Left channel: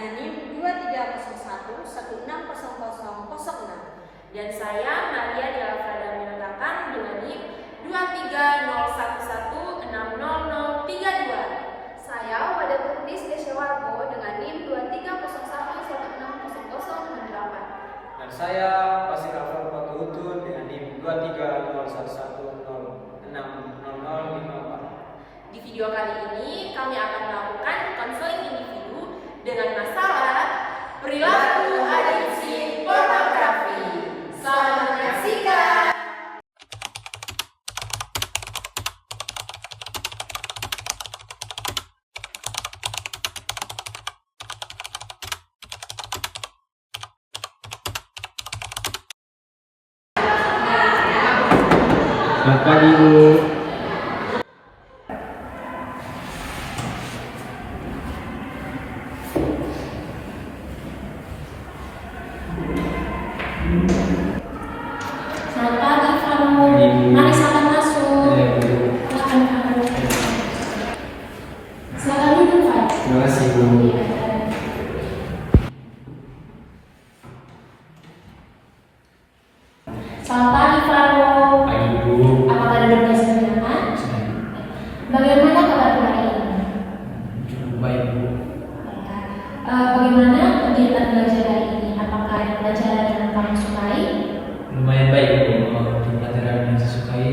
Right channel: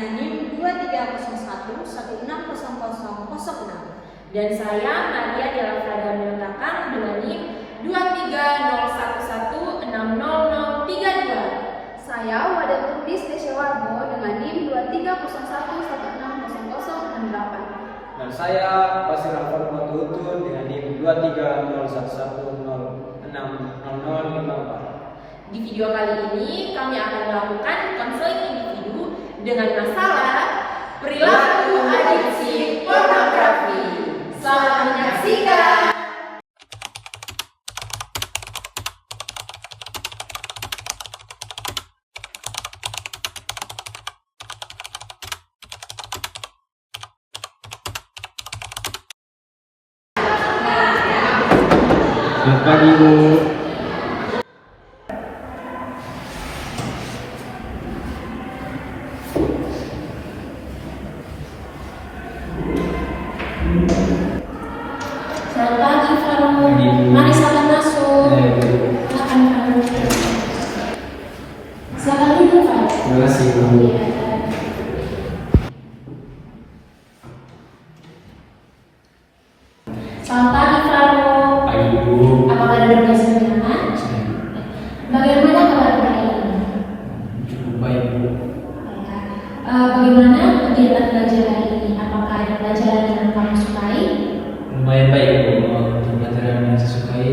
dengan NIM 2301160006. Dan saya Maria Delafrada menyatakan dengan NIM 2301160032. Saya Wadatudis Desyawargo dengan NIM 2301160068. Dan saya Basir Akbar Matuutun dengan NIM 2301160054. Di video kali ini kami akan melakukan konseling individu dengan masalah perilaku adiksi pornografi. Selamat menyaksikan. Selamat pagi, Bu. Selamat pagi, Farno. Mari silakan masuk. Silakan duduk, Pak. Terima kasih, Bu. Selamat pagi, Farno. Pagi, Bu. Apakah ada tugas menyenangkan? Bagaimana kabar hari ini? Cukup baik, Bu. Bagaimana kegiatan belajar hari ini? Apakah ada pelajaran yang kamu sukai? Lumayan baik, Bu. Untuk pelajaran yang saya sukai,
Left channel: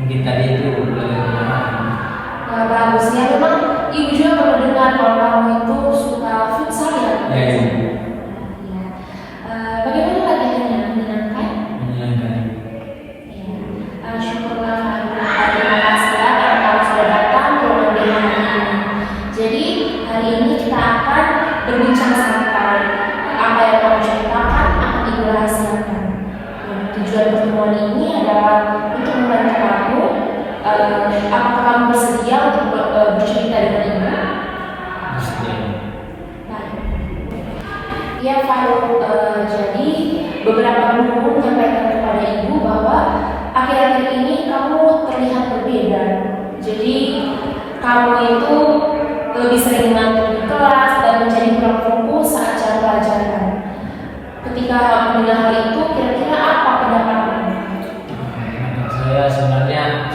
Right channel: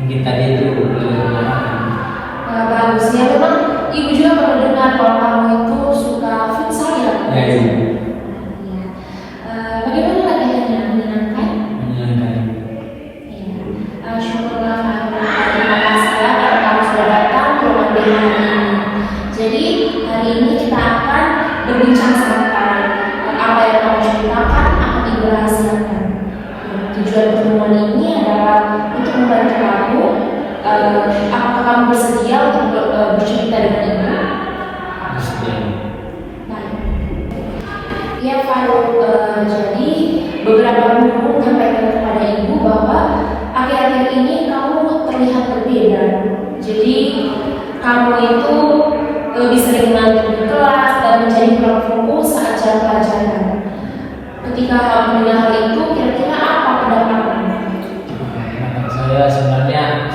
mungkin tadi itu pelajaran Bagus ya, memang ibu juga baru dengar bahwa kamu itu suka futsal ya? Ya, iya, Bu. Bagaimana latihan yang menyenangkan? Menyenangkan. Syukurlah terima kasih ya karena kamu sudah datang ke ruang hari ini. Jadi hari ini kita akan berbincang sebentar. Apa yang kamu ceritakan akan ibu rahasiakan. Tujuan pertemuan ini adalah untuk membantu kamu. Apakah kamu bersedia untuk bercerita dengan ibu? Bersedia. Baik. Ya, Faruk, jadi beberapa guru menyampaikan kepada ibu bahwa akhir-akhir ini kamu terlihat berbeda. Jadi kamu itu lebih sering ngantuk di kelas dan menjadi kurang fokus saat jam pelajaran. Ketika kamu mendengar hal itu, kira-kira apa pendapatmu? Saya sebenarnya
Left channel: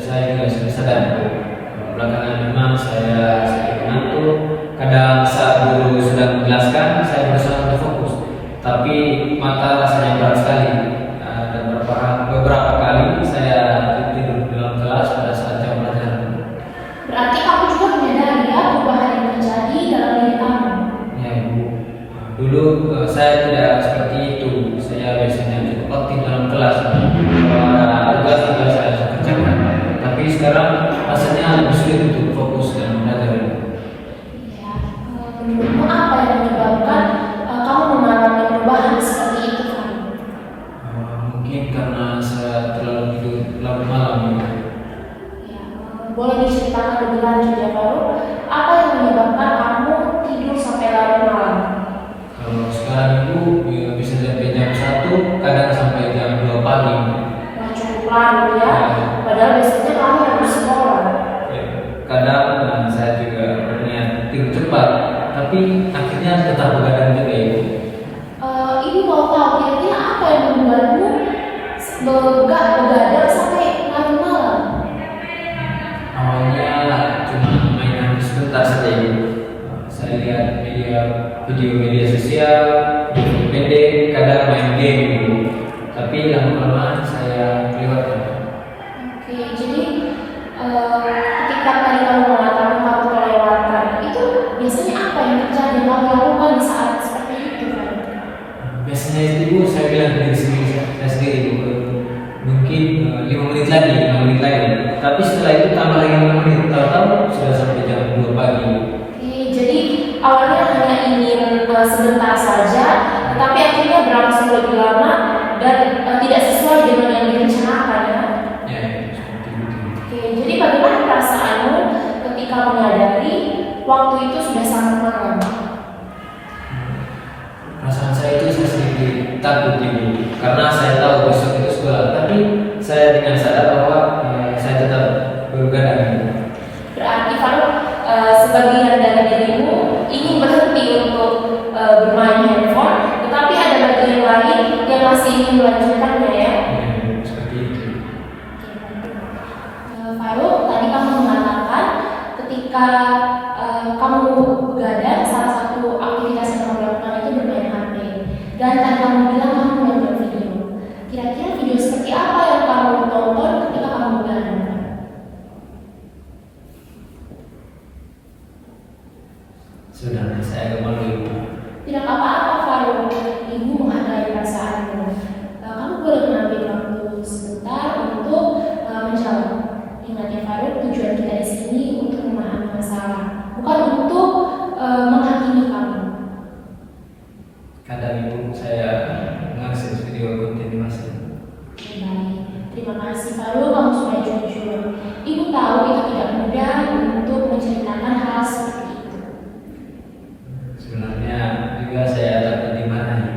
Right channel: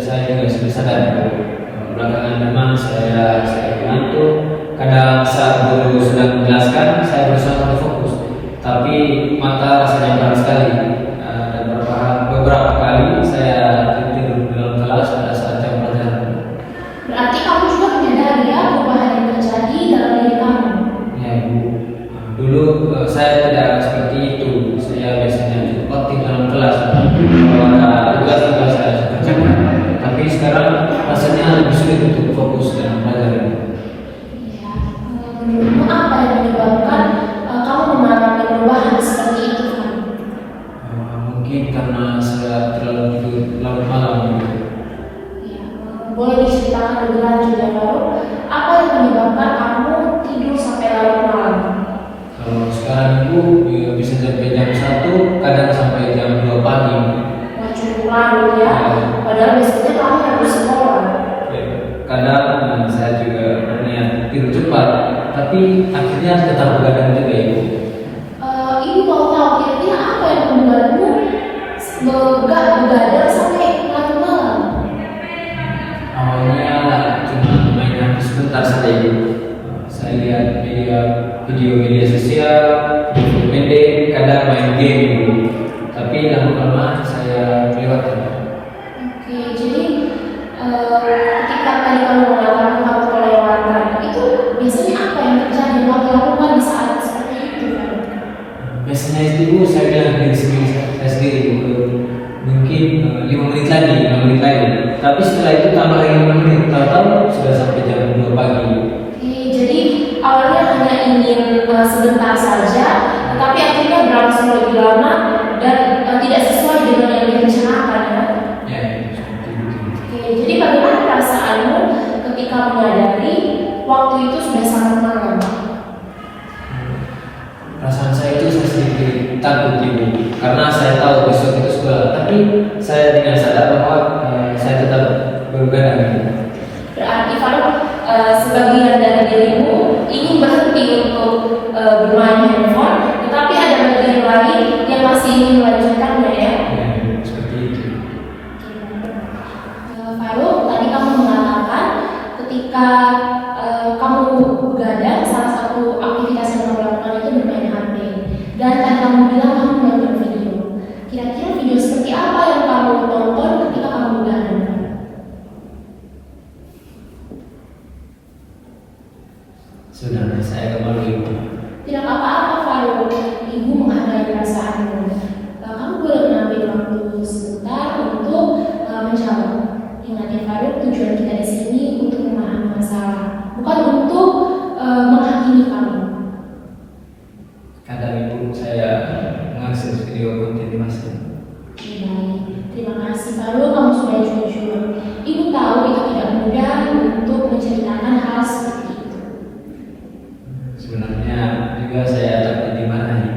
saya juga sudah sadar. Belakangan memang saya mengantuk. Kadang saat guru sudah menjelaskan, saya berusaha untuk fokus. Tapi mata rasanya berat sekali. Ada beberapa kali saya tidur dalam kelas pada saat jam pelajaran. Berarti kamu juga menyadari ya perubahan yang terjadi dalam diri kamu. Ya, Bu. Dulu saya tidak seperti itu. Saya biasanya cukup aktif dalam kelas. Kalau ada tugas tinggal saya kerjakan. Tapi sekarang rasanya lebih sulit untuk fokus dalam pelajaran. Menurutmu apa yang menyebabkan kamu mengalami perubahan seperti itu, kan? Mungkin karena saya terlalu tidur terlalu malam. Ya, boleh diceritakan lebih lanjut ya, Faruk? Apa yang menyebabkan kamu tidur sampai larut malam? Kalau sekarang itu bisa sampai jam 1, kadang sampai jam 2 pagi. Nah, cukup lama ya. Padahal biasanya kamu harus sekolah. Kadang saya juga berniat tidur cepat, tapi akhirnya tetap begadang juga ya. Ibu mau tahu kira-kira apa yang membuatmu begadang sampai larut malam? Awalnya cuma mainan sebentar saja. Saya lihat video media sosial, video pendek, kadang main game. Tapi lama-lama saya lewatkan. Oke, jadi ketika tadi kamu mengatakan kamu kelewatan itu biasanya apa yang terjadi? Kamu lakukan di saat seperti itu? Biasanya itu Bu, saya bilang dari saya sendiri mungkin 5 menit lagi, 5 menit lagi. Tapi setelah itu tambah lagi 5 menit, tahu-tahu sudah sampai jam 2 pagi. Oke, jadi awalnya hanya ingin sebentar saja, tapi akhirnya berlangsung lebih lama dan tidak sesuai dengan yang direncanakan. Ya, seperti itu. Oke, jadi bagaimana perasaanmu ketika menyadari waktu itu sudah sangat malam? Perasaan saya itu saya sedikit takut Ibu, karena saya tahu besok itu sekolah. Tapi saya dengan sadar bahwa saya tetap begadang. Berarti kalau sebagian dari dirimu ingin berhenti masih ingin melanjutkannya ya? Ya, seperti itu. Faruk, tadi kamu mengatakan ketika kamu begadang, salah satu aktivitas yang kamu lakukan itu bermain HP. Dan tadi kamu bilang kamu menonton video. Kira-kira video seperti apa yang kamu tonton ketika kamu begadang? Sudah, saya kembali. Tidak apa-apa Faruk, ibu menghargai perasaanmu. Kamu boleh mengambil waktu sebentar untuk menjawab. Ingat ya Faruk, tujuan kita di sini untuk memahami masalah, bukan untuk menghakimi kamu. Kadang ibu saya mengakses video konten masih. Baik, terima kasih Faruk, kamu sudah jujur. Ibu tahu itu tidak mudah untuk menceritakan hal seperti itu. Sebenarnya juga saya takut dimarahi.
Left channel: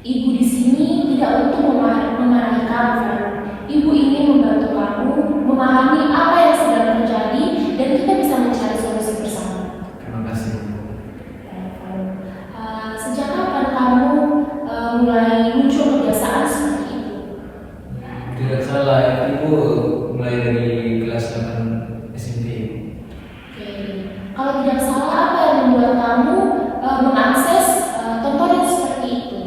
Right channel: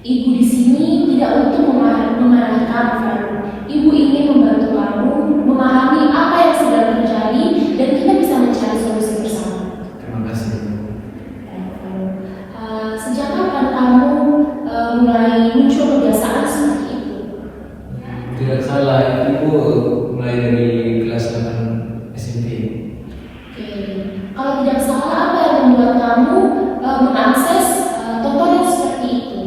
Ibu di sini tidak untuk memarahi kamu, Faruk. Ibu ingin membantu kamu memahami apa yang sedang terjadi dan kita bisa mencari solusi bersama. Terima kasih. Sejak kapan kamu mulai muncul kebiasaan seperti itu? Tidak salah, itu mulai dari kelas 8 SMP. Oke. Kalau tidak salah, apa yang membuat kamu mengakses tontonan seperti itu?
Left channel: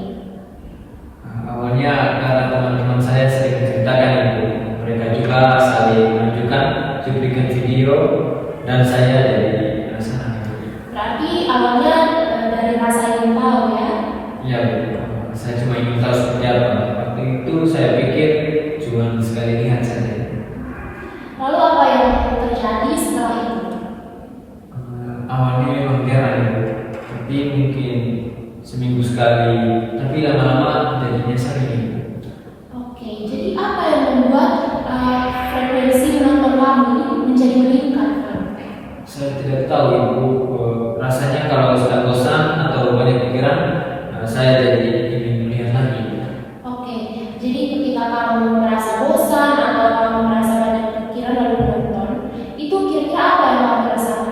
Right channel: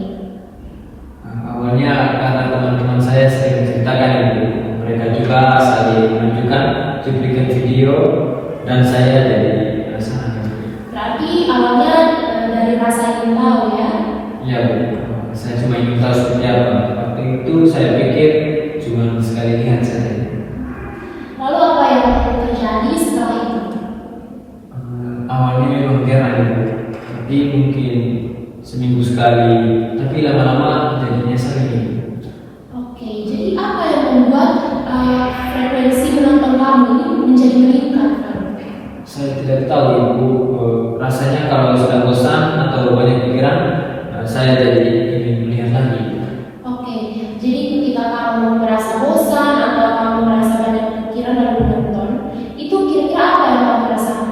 Awalnya karena teman-teman saya sering menceritakan itu, mereka juga saling menunjukkan cuplikan video dan saya jadi penasaran. Berarti awalnya dari rasa ingin tahu ya? Iya betul. Saya cuma ingin tahu seperti apa. Waktu itu saya pikir cuma sekali lihat saja. Lalu apa yang terjadi setelah itu? Awalnya memang heran ibu, tapi mungkin seminggu sekali, tapi lama-lama jadinya sering. Oke, jadi apa yang membuat frekuensi menonton kamu ini menjadi meningkat? Saya tidak tahu ibu, rasanya kalau sudah bosan atau banyak pikiran, saya jadi ingin melihat lagi. Oke, jadi ketika kamu merasa bosan atau kamu merasa banyak pikiran lalu menonton, itu kira-kira apa yang kamu rasakan?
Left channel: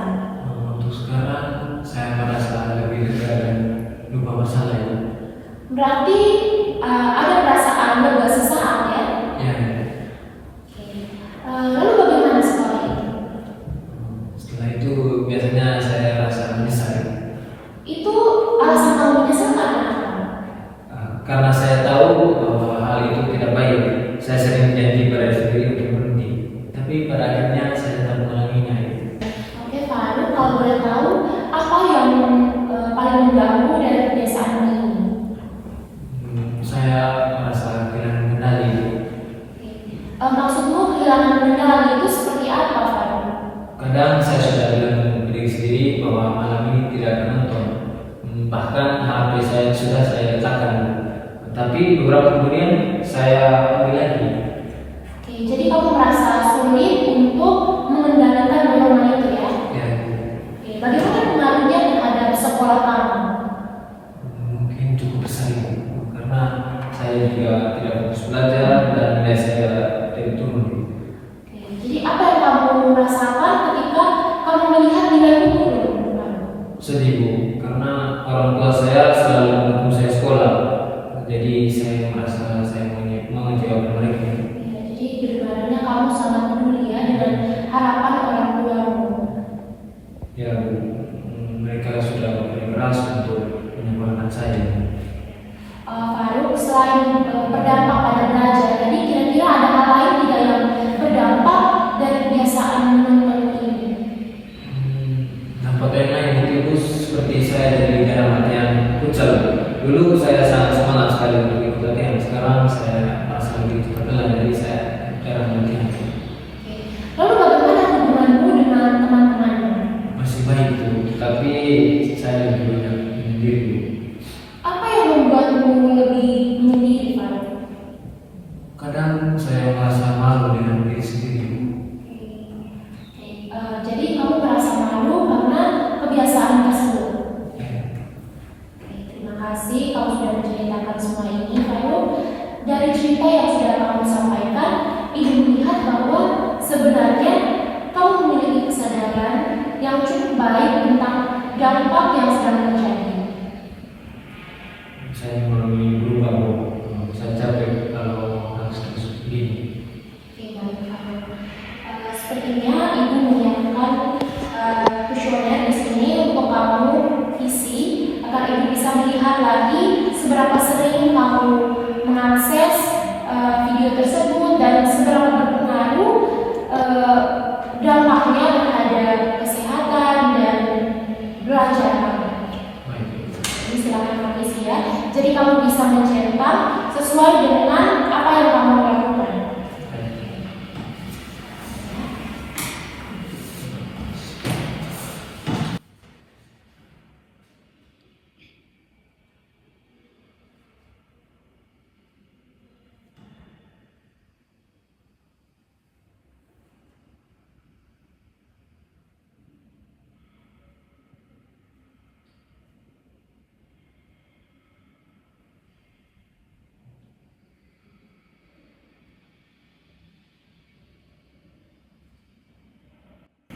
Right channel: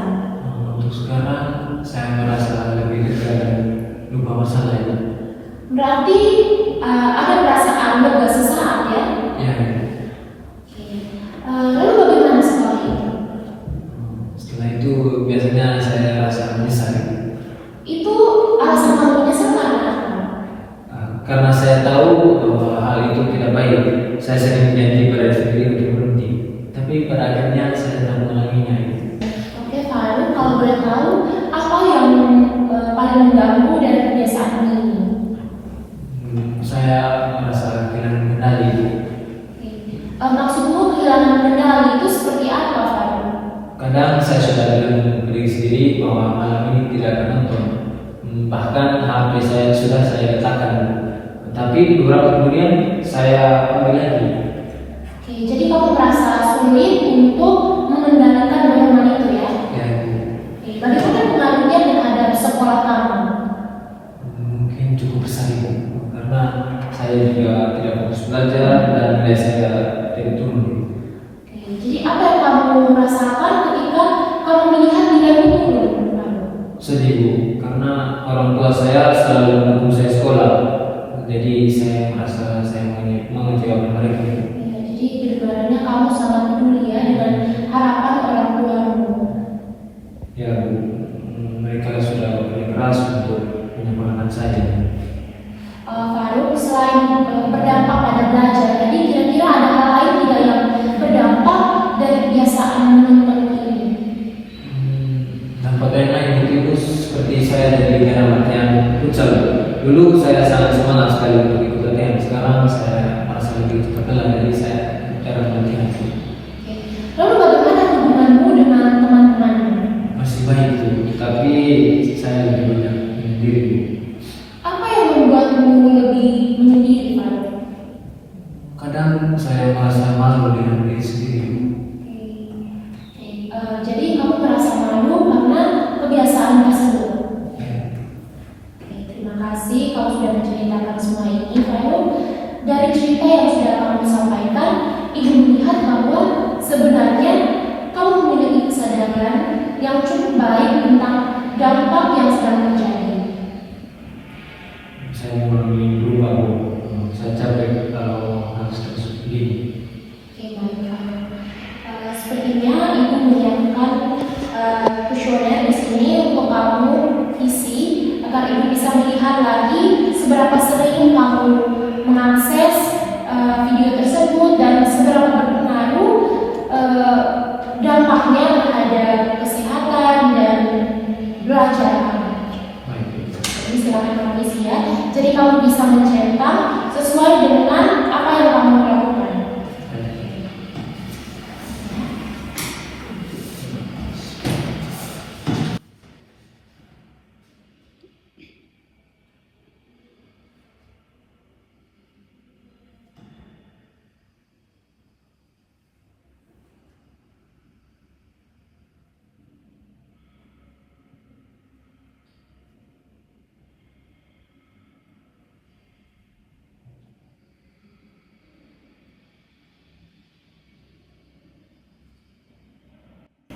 Untuk sekarang saya merasa lebih lega dan lupa masalah ya. Berarti ada perasaan lega sesaat ya? Ya. Lalu bagaimana setelah itu? Setelah itu biasanya saya rasa menyesal. Itu alasan kamu menyesal karena apa? Karena saya tahu bahwa hal itu tidak baik. Saya sering janji pada diri untuk berhenti, tapi pada akhirnya saya tidak mengulanginya. Oke Faruk, kalau boleh tahu apa yang paling mengganggu dari kebiasaan ini? Saya merasa kehilangan kendali. Maksudmu kehilangan kendali itu seperti apa Faruk? Kadang saya sudah bilang diri sendiri bahwa malam ini tidak akan nonton. Bahkan HP saya sudah saya letakkan. Tapi beberapa kemudian saya ambil lagi. Oke, jadi kamu merasa sulit untuk mengendalikan bagaimana itu ya? Ya, Oke, bagaimana pengaruhnya terhadap sekolah kamu? mungkin cukup besar itu, karena saya juga tidak fokus belajar dan nilai saya tidak turun. Oke, jadi apa yang kamu rasakan ketika kamu melihat nilai turun? Sedih Bu, karena orang tua saya selalu mendukung saya sekolah. Jadi saya merasa saya mau jawab mereka. Ya, jadi sebenarnya kamu sangat peduli ya dengan harapan orang tuamu. Ya Bu, mereka sudah bekerja keras untuk menyempurnakan saya. Faruk, selain berdampak pada belajar, jadi kira-kira ada hal lain tidak yang berdampak dari kebiasaan menonton ini? Dampak yang negatif seperti saya jadi karena latihan futsal. Dulu saya sangat semangat sekali untuk ikut latihan. Sekarang saya merasa lebih tertelan, jadi saya cara latihan. Lalu bagaimana hubunganmu dengan teman-temanmu? Masih baik Bu, tapi saya lebih banyak menyendiri Bu. Apa yang membuatmu lebih menyendiri, Faruk? Kadang saya merasa malu dengan diri sendiri. Jadi kamu merasa malu karena kebiasaan tersebut. Terima kasih kamu sudah menceritakan semua ini, Faruk. Dari cerita yang sudah kamu sampaikan, ibu melihat bahwa sebenarnya kamu memiliki kesadaran yang cukup baik tentang dampak yang sedang terjadi. Saya mulai berubah Bu. Ibu bisa melihat lagi seberapa sering kamu mengakses video tersebut dan seberapa berpengaruh dampaknya terhadap kesehatan dan belajar. Ini silahkan isi ya. Jadi kamu bisa mencetak sesuai dengan apa yang kamu lakukan.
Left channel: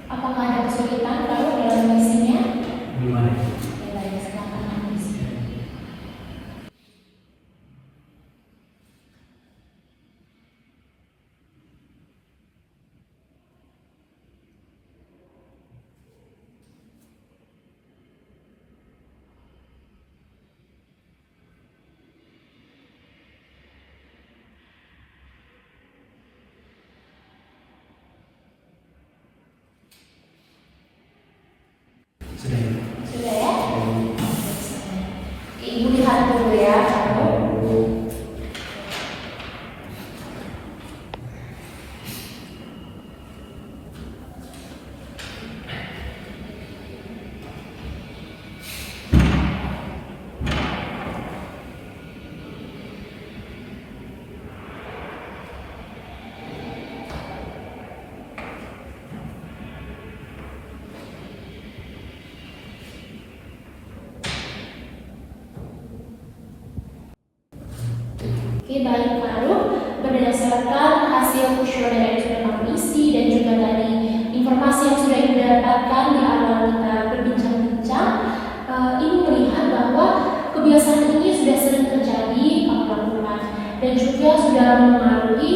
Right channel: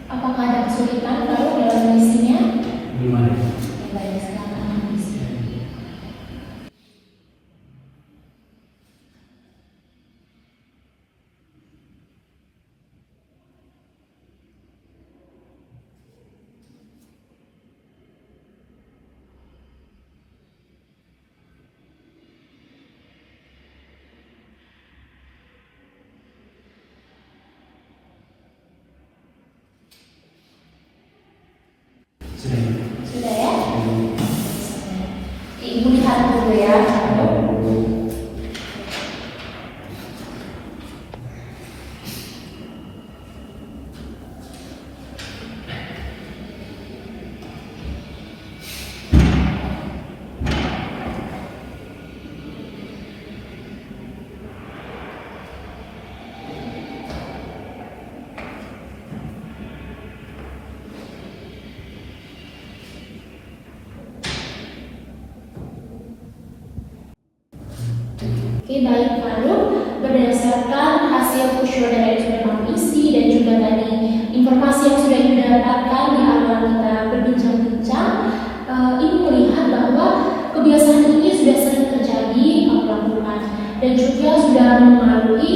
Apakah ada kesulitan kalau dalam mengisinya? Gimana? Baik, silakan mengisi. Sudah. Sudah ya? Ibu lihat dulu ya. Oke, baik, lalu berdasarkan hasil questionnaire yang sudah kamu isi dan juga dari informasi yang sudah didapatkan di awal kita berbincang-bincang, Ibu melihat bahwa kebiasaan ini sudah sering terjadi kamu lakukan dan juga sudah mempengaruhi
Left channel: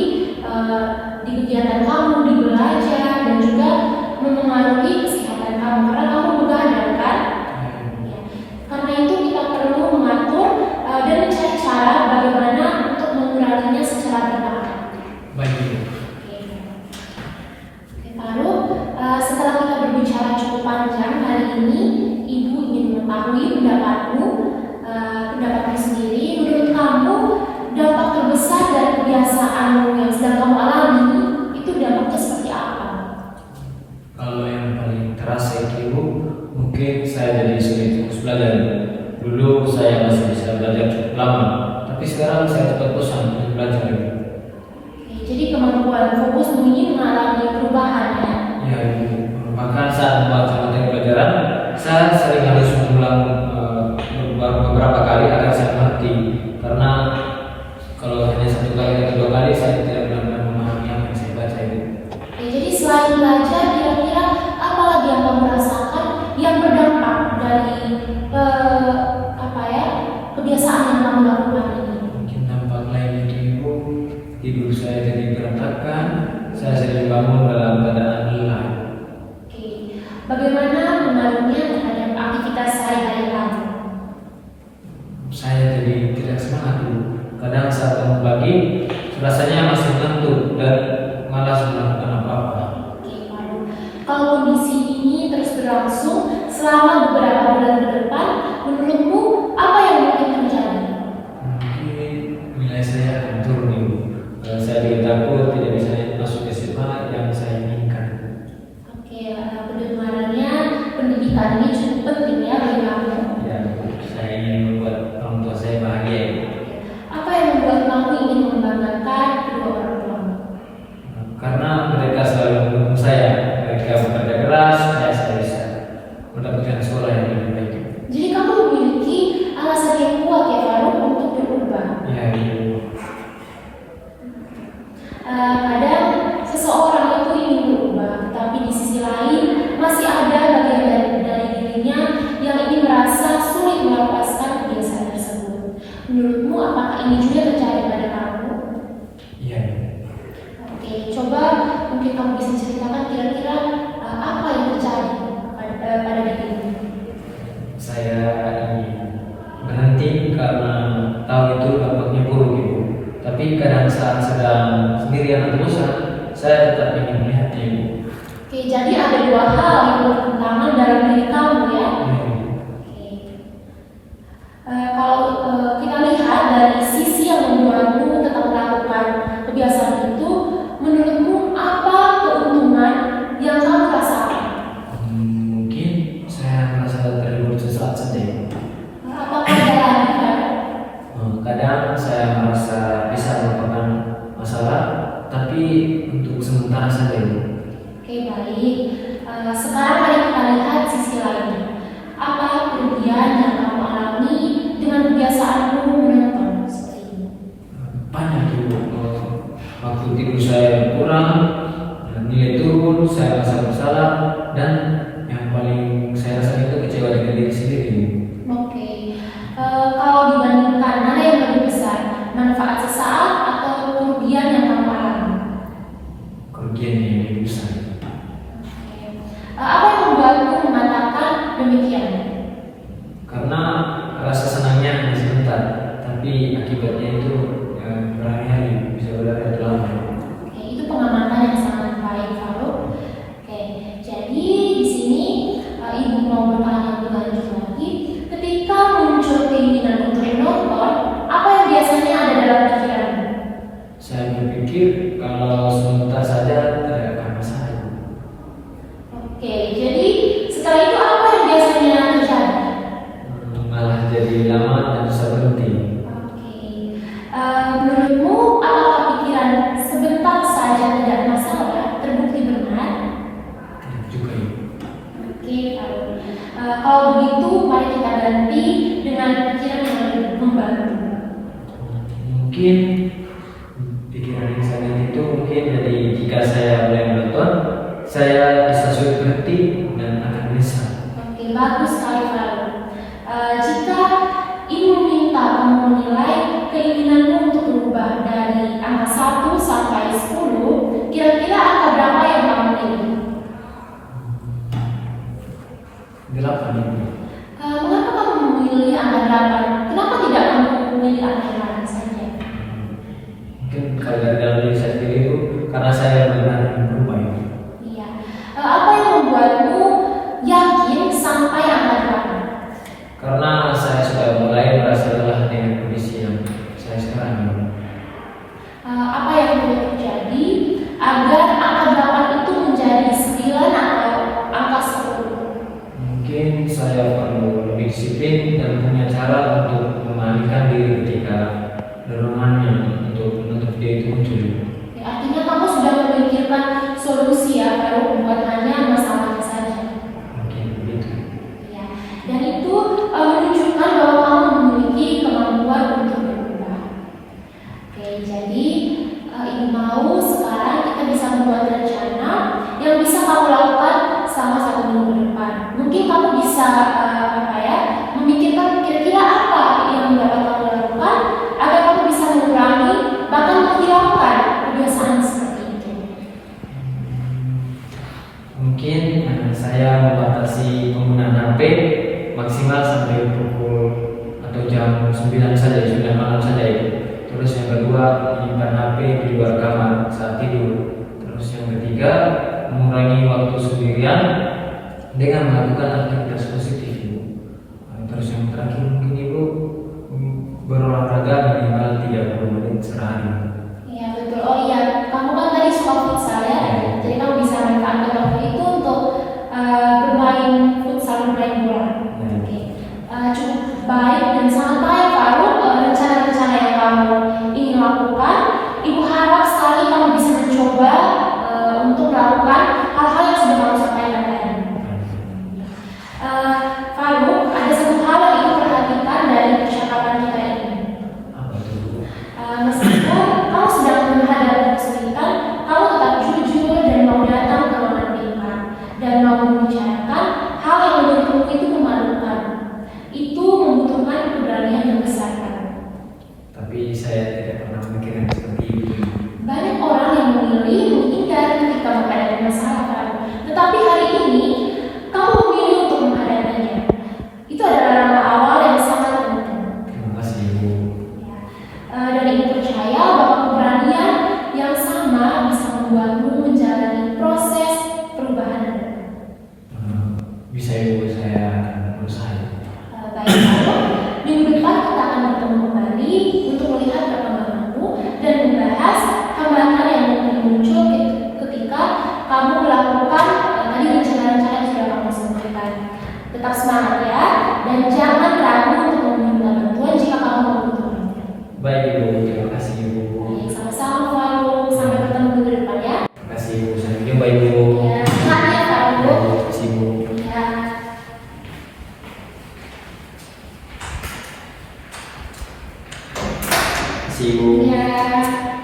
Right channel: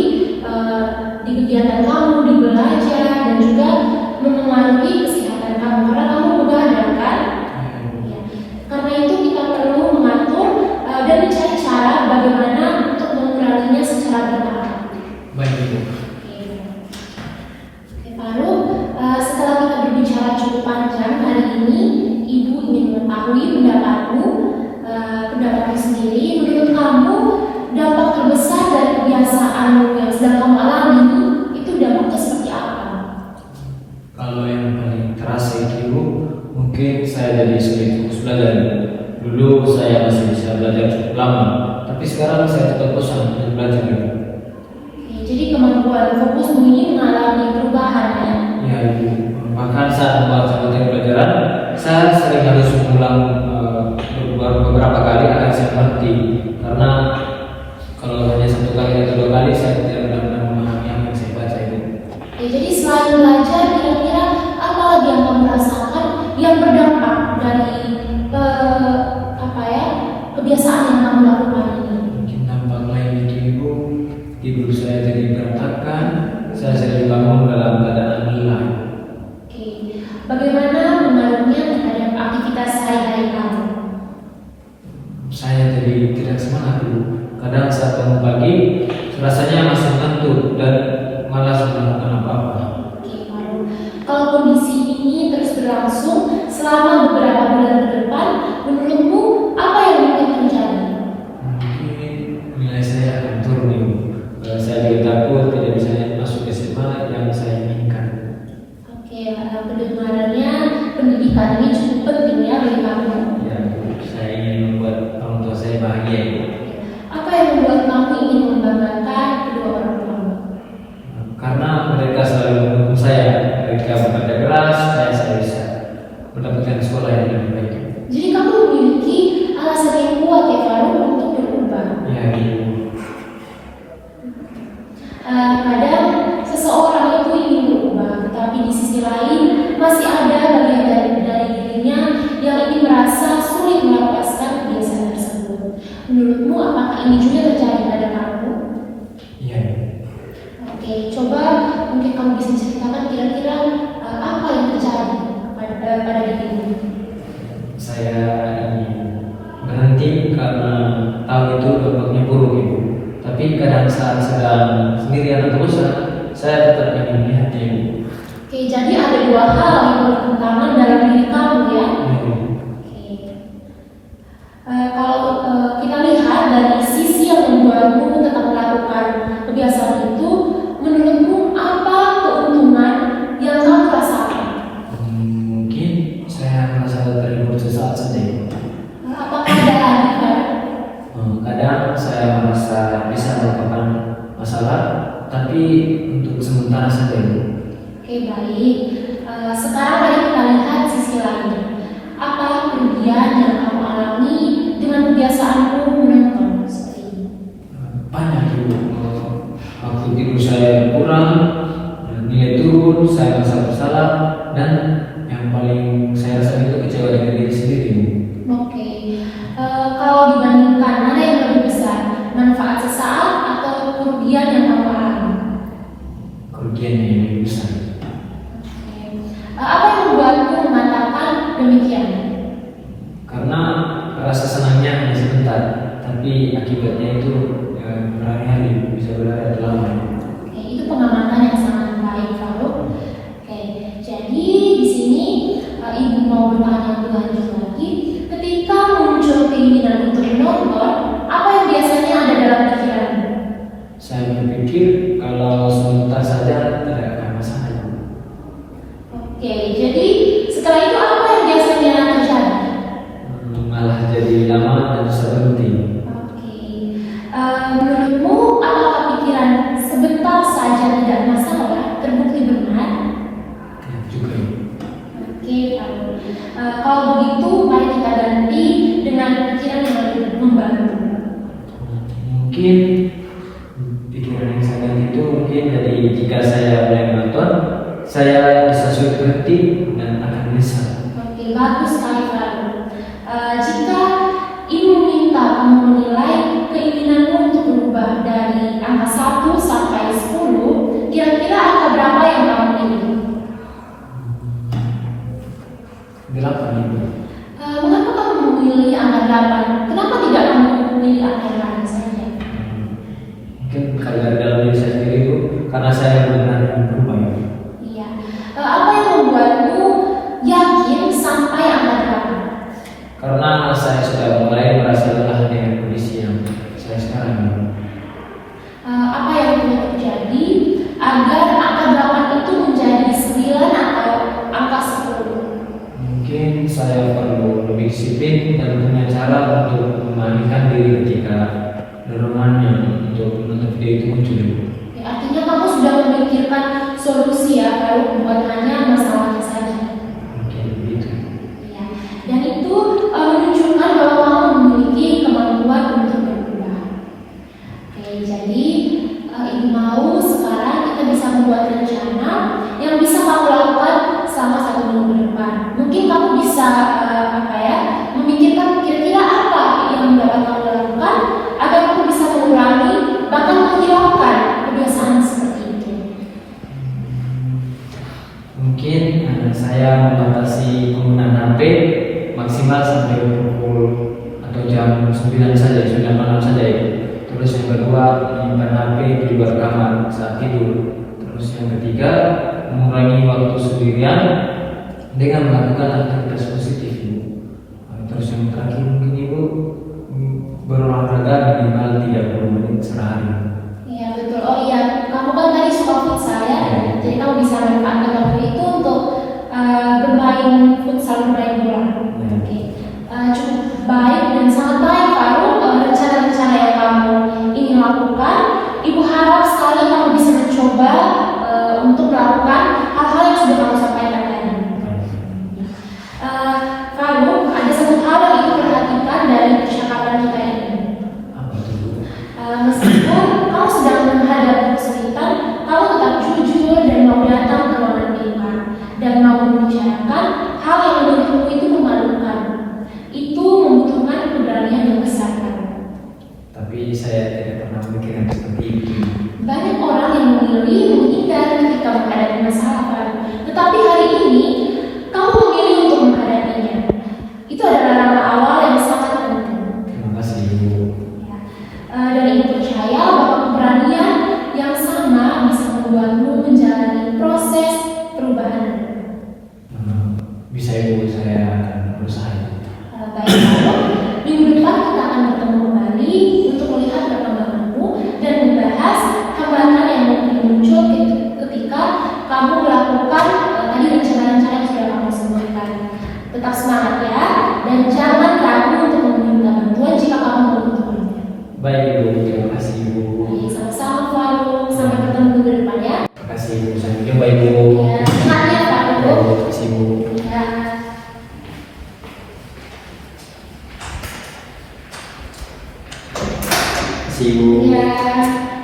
di kegiatan kamu, di belajar dan juga mempengaruhi kesehatan kamu karena kamu begadang kan? Karena itu kita perlu mengatur dan mencari cara bagaimana untuk menguranginya secara bertahap. Baik, Ibu. Oke, lalu setelah kita berbicara cukup panjang hari ini, Ibu ingin mengetahui pendapatmu, pendapatmu sendiri. Menurut kamu, dampak terbesar dari kebiasaanmu yang sedang kamu alami itu dampaknya seperti apa? Kalau yang paling terasa itu mungkin saya jadi sulit fokus belajar. Dulu saya masih bisa belajar cukup lama, tapi sekarang saya tetap bosan untuk belajar. Oke, jadi kemampuan fokusmu ini mengalami perubahan ya? Ya, bahkan saat membaca materi pelajaran, saya sering harus mengulang beberapa kali agar saya mengerti. Karena kalau hanya satu kali atau dua kali, saya tidak benar-benar memahami apa yang saya baca itu. Oke, jadi selain belajar, kira-kira apa lagi yang kamu rasakan yang berdampak dari kebiasaan yang kamu lakukan ini? Mungkin dampak lain itu Ibu, tidur saya jadi berantakan, saya sering bangun dalam keadaan lelah. Oke, bagaimana pengaruhnya terhadap aktivitas sehari-hari kamu? Saya jadi tidak semangat dulu. Kadang saat bangun pagi, rasanya masih ngantuk dan malas melakukan apa-apa. Oke, kalau kondisi ini terus berlangsung selama beberapa bulan ke depan, menurutmu apa yang akan terjadi? Mungkin nilai saya akan turun Ibu. Saya juga takut tidak bisa masuk SMA yang saya inginkan. Oke, karena kedengarannya pendidikan ini cukup penting ya bagi kamu. Ya, saya ingin membuat orang tua saya bahagia. Apa yang membuat kamu ingin membanggakan kedua orang tua? Karena mereka selalu mendukung saya. Mereka bekerja keras, saya bisa mendapatkan sekolah yang lebih baik. Jadi kamu memiliki alasan yang kuat ya Faruk untuk berubah. Ya, Ibu. Kadang seseorang itu ingin berubah, tetapi di sisi lain masih ada bagian dari dirinya yang ingin merasa sulit melepaskan kebiasaan tersebut. Menurutmu apakah ini juga terjadi pada kamu? Iya. Oke, coba mungkin kamu bisa ceritakan kira-kira apa yang terjadi pada dirimu. saya berhenti karena tahu itu dampaknya buruk Ibu. Tapi kadang saat sedang sendirian atau bosan, saya tetap ingin melihatnya Ibu. Oke, jadi ada dua hal yang bertentangan dalam diri kamu ya. Ibu. Kalau kita lihat dari sisi yang membuatmu tetap melakukan kebiasaan itu, menurutmu apa keuntungan yang kamu rasakan? Mungkin saya merasa terhibur sesaat saja Ibu. Apakah ada lagi kan? Kadang saya merasa bisa melupakan masalah, tapi untuk sementara saja Ibu. Oke, baik. Sekarang mari kita lihat sisi lain. Apa kerugian yang kamu alami dengan kebiasaanmu menonton seperti ini? Banyak Ibu. Waktu tidur saya berkurang, nilai turun, saya merasa bersalah, dan yang paling saya rasa itu kecewa dengan diri sendiri Ibu. Oke. Kalau dibandingkan mana yang lebih besar, manfaat sesaat atau kerugian yang kamu alami? Kerugian yang lebih besar. Apa yang membuatmu mengatakan demikian? Karena rasa senangnya hanya sebentar, tapi akibatnya itu berhari-hari, bisa berhari lama. Oke, itu pengamatan yang sangat baik, Faruk. Oke, jadi di sini ibu mau bertanya lebih lagi. Ketika muncul keinginan untuk menonton, apa yang biasanya ada dalam pikiranmu? Saya berpikir kalau sebentar saja tidak akan masalah. Oke, jadi setelah itu apa yang biasanya terjadi? Malah jadi lama dan susah berhenti. Oke, menurutmu apakah pikiran sebentar saja tidak masalah terbukti benar? Juga ya. Oke, kalau begitu mari kita ganti dengan pikiran yang lebih membantu. Mungkin pikiran yang sangat itu mungkin dari jika saya mulai menonton, saya bisa sulit berhenti dan akan menyesal. Oke, bagus sekali Faruk. Jika ibu minta kamu menilai keinginanmu untuk berubah dari angka 1 sampai 10, kira-kira angka berapa yang kamu pilih? 8 Ibu. Mengapa kamu memilih angka 8? Kenapa tidak kamu memilih angka 8 saja? Mungkin kalau dari dalam diri saya sendiri Ibu, karena saya benar-benar berubah Ibu. Iya. Apa yang membuatmu yakin sampai angka 8? Karena saya sudah mulai merasa lelah dengan kondisi yang saya sekarang Ibu. Apa yang perlu terjadi agar angka 8 itu menjadi 9 atau angka 10? Mungkin saya perlu lebih disiplin dan punya cara untuk mengalihkan diri ketika dorongannya untuk menonton video itu muncul. Ya, artinya kamu sudah memikirkan solusi ya, baru buat hanya masalahnya saja. Mungkin begitu. Ya. Dan itu menunjukkan bahwa kamu memiliki kemampuan untuk berubah. Oke, jadi ibu mau sekarang kita bisa membuat rencana yang bisa kamu lakukan selama 1 minggu ke depan. Mungkin kamu bisa memikirkan kira-kira apa yang dapat kamu lakukan agar kamu bisa mengurangi bahkan menghilangkan kebiasaan seperti itu. Mungkin saya membatasi penggunaan HP maksimal sampai pukul atau jam 9 saja, 9 malam saja ya. Terus yang kedua, menyimpan HP di luar kamar saat tidur. Terus yang ketiga, mengurangi waktu sendirian dengan melakukan aktivitas positif Ibu. Terus yang terakhir mungkin Ibu berolahraga minimal 30 menit sehari. Iya betul. Oh iya, kamu kan tadi suka futsal ya, jadi kamu bisa memanfaatkan waktu itu untuk bermain futsal, bermain bola. Oke, cukup baik dan sangat baik Faruk. Rencana-rencana yang kamu ingin lakukan, ibu harap sekali kamu bisa mencoba untuk melakukan hal-hal yang sudah kamu sampaikan tadi. Faruk, ada satu hal yang ibu perhatikan dari percakapan kita ini. Meskipun kamu sedang menghadapi kesulitan, kamu tetap jujur dan mau datang ke ruangan kita dan mau membicarakan hal yang menurutmu itu memalukan. Itu membutuhkan keberanian yang besar. Tapi saya tidak pernah berpikir seperti itu. Banyak orang yang memilih menghindar ketika menghadapi masalah, tetapi hari ini kamu memilih untuk menghadapinya. Itu adalah Tetap semangat ya, dan jangan ragu untuk meminta bantuan jika kamu membutuhkan. Baik Ibu, terima kasih Ibu. Baik, sama-sama Farul. Sampai bertemu minggu depan ya. Terima kasih Ibu. Sampai jumpa Ibu. Ya, sehat ya Farul. Terima kasih Ibu. Ya. Terima kasih Ibu. Ya.